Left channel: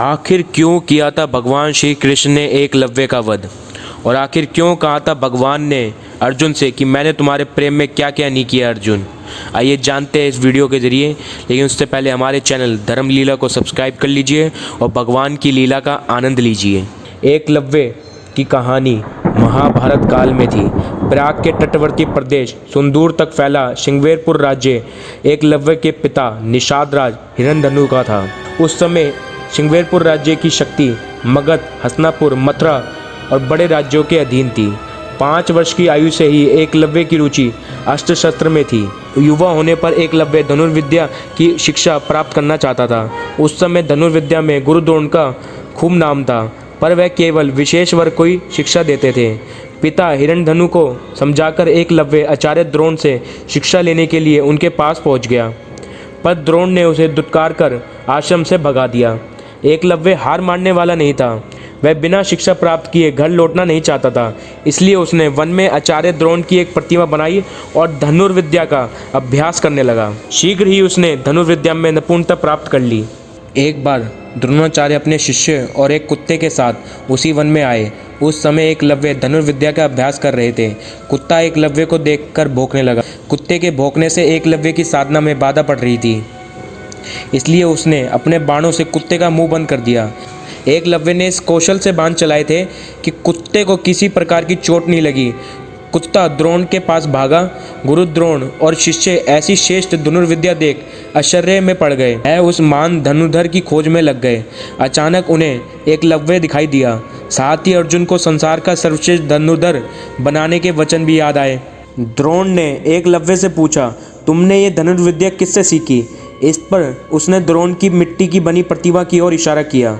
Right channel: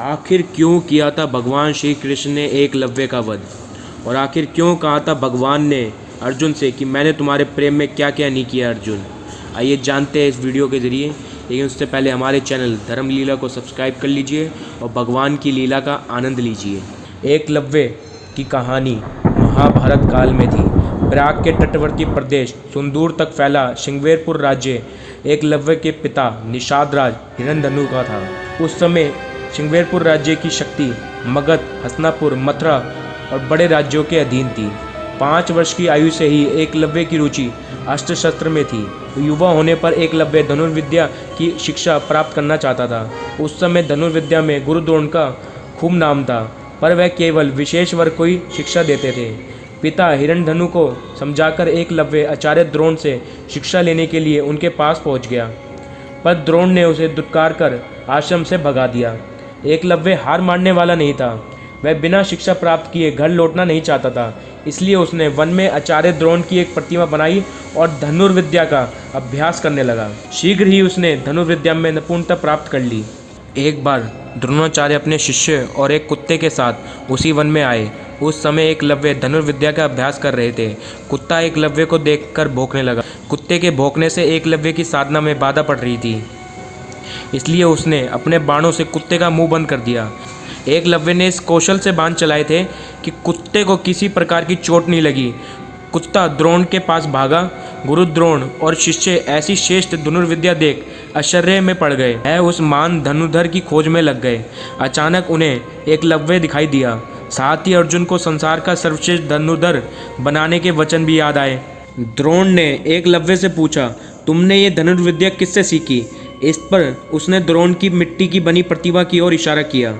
आखिर क्यों किया था भगवान श्री कृष्ण ने एकलव्य का वध, और आखिर क्यों कहा था भगवान ने अर्जुन से कि मैंने तुम्हारे प्रेम में क्या क्या नहीं किया अर्जुन। आइए जानते हैं इस वीडियो के ज़रिए, लेकिन उससे पहले हमारे चैनल धर्म लीला को सब्सक्राइब कर लीजिए और भगवान की लीला का आनंद लीजिए। एकलव्य की कहानी महाभारत काल में थी। प्रयाग के तटवर्ती प्रदेश सुंदूर तक फैला श्रृंगवेरपुर राज्य एकलव्य के पिता निषाद राज हिरण्यधनु का था। उस समय श्रृंगवेरपुर राज्य की शक्ति मगध, हस्तिनापुर, मथुरा और बड़े राज्यों के अधीन थी। 5 वर्ष की आयु से ही एकलव्य की रुचि अस्त्र शस्त्र में थी। युवा होने पर एकलव्य धनुर्विद्या की शिक्षा प्राप्त करना चाहता था। उस समय धनुर्विद्या में गुरु द्रोण का खूब नाम था, पर वह केवल विशेष वर्ग को ही शिक्षा देते थे। पिता हिरण्यधनु को समझाकर एकलव्य आचार्य द्रोण से शिक्षा लेने के लिए उनके पास पहुंच गया, पर द्रोण ने उसे दुत्कार कर आश्रम से भगा दिया। एकलव्य हार मानने वाला नहीं था। वह बिना शिक्षा प्राप्त किए घर लौटना नहीं चाहता था, इसलिए उसने वन में आचार्य द्रोण की एक प्रतिमा बनाई और धनुर्विद्या का अभ्यास करने लगा। शीघ्र ही उसने धनुर्विद्या में निपुणता प्राप्त कर ली। एक बार द्रोणाचार्य अपने शिष्य और एक कुत्ते के साथ उसी वन में आए। उस समय एकलव्य धनुर्विद्या का अभ्यास कर रहे थे। कुत्ता एकलव्य को देखकर भौंकने लगा। कुत्ते के भौंकने से एकलव्य की साधना में बाधा पड़ रही थी, इसलिए उसने अपने बाणों से कुत्ते का मुंह बंद कर दिया। एकलव्य ने इस कौशल से बाण चलाए थे कि कुत्ते को किसी प्रकार की चोट नहीं लगी। कुत्ता द्रोण के पास भागा। गुरु द्रोण और शिष्य ऐसी श्रेष्ठ धनुर्विद्या देख आश्चर्य में पड़ गए। वह उस महान धनुर्धर की खोज में लग गए। अचानक उन्हें एकलव्य दिखाई दिया। साथ ही अर्जुन को संसार का सर्वश्रेष्ठ धनुर्धर बनाने के वचन भी याद आए। द्रोण ने एकलव्य से पूछा, तुमने ये धनुर्विद्या किससे सीखी? इस पर उसने द्रोण की मिट्टी की बनी प्रतिमा की ओर इशारा किया।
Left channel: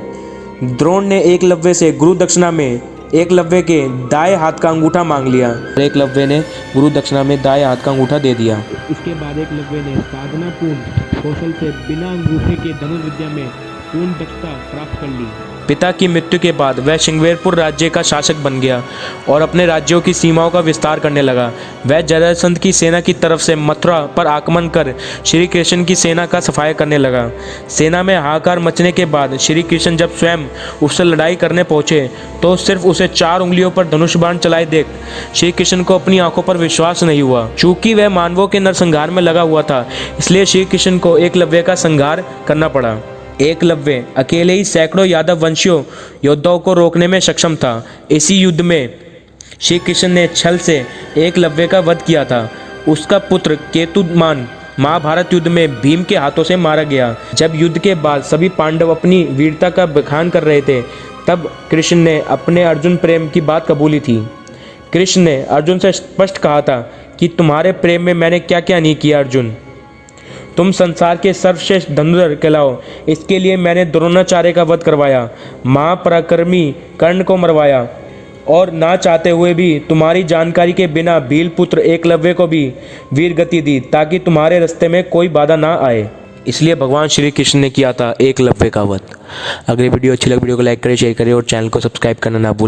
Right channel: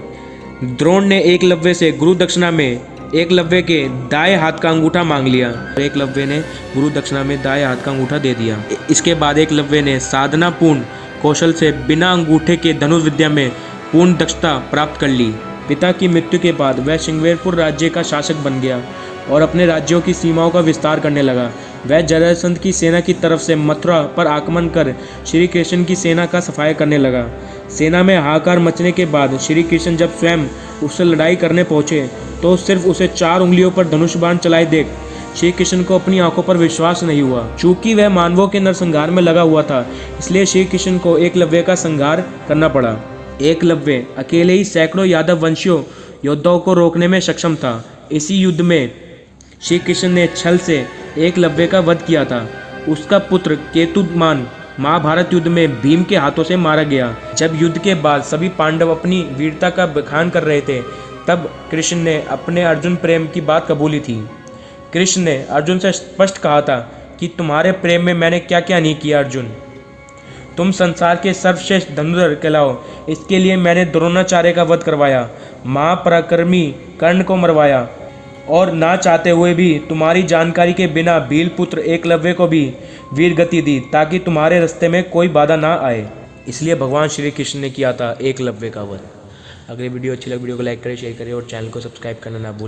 द्रोण ने एकलव्य से गुरु दक्षिणा में एकलव्य के दाएं हाथ का अंगूठा मांग लिया। एकलव्य ने गुरु दक्षिणा में दाएं हाथ का अंगूठा दे दिया। इसके बाद एकलव्य ने साधनापूर्ण कौशल से बिना अंगूठे के धनुर्विद्या में पूर्ण दक्षता प्राप्त कर ली। पिता की मृत्यु के बाद वह श्रृंगवेरपुर राज्य का शासक बन गया और अपने राज्यों की सीमाओं का विस्तार करने लगा। वह जरासंध की सेना की तरफ से मथुरा पर आक्रमण कर श्री कृष्ण की सेना का सफाया करने लगा। सेना में हाहाकार मचने के बाद श्री कृष्ण जब स्वयं उससे लड़ाई करने पहुंचे तो सिर्फ उसे 4 उंगलियों पर धनुष बाण चलाए देख श्री कृष्ण को अपनी आंखों पर विश्वास नहीं हुआ। चूंकि वह मानवों के नरसंहार में लगा हुआ था, इसलिए श्री कृष्ण को एकलव्य का संहार करना पड़ा। एकलव्य अकेले ही सैकड़ों यादव वंशियों योद्धाओं को रोकने में सक्षम था। इसी युद्ध में श्री कृष्ण ने छल से एकलव्य का वध किया था। उसका पुत्र केतुमान महाभारत युद्ध में भीम के हाथों से मारा गया। जब युद्ध के बाद सभी पांडव अपनी वीरता का बखान कर रहे थे, तब कृष्ण ने अपने अर्जुन प्रेम की बात कबूली थी। कृष्ण ने अर्जुन से स्पष्ट कहा था कि तुम्हारे प्रेम में मैंने क्या क्या नहीं किया अर्जुन। तुम संसार के सर्वश्रेष्ठ धनुर्धर कहलाओ, इसके लिए मैंने द्रोणाचार्य का वध करवाया, महापराक्रमी कर्ण को मरवाया और ना चाहते हुए भी तुम्हारी जानकारी के बिना भील पुत्र एकलव्य को भी वीर गति दी, ताकि तुम्हारे रास्ते में कोई बाधा ना आए। इसलिए भगवान श्री कृष्ण ने किया था एकलव्य का वध। अगर वीडियो अच्छी लगे वीडियो को लाइक करें, शेयर करें और चैनल को सब्सक्राइब करना ना भूलें।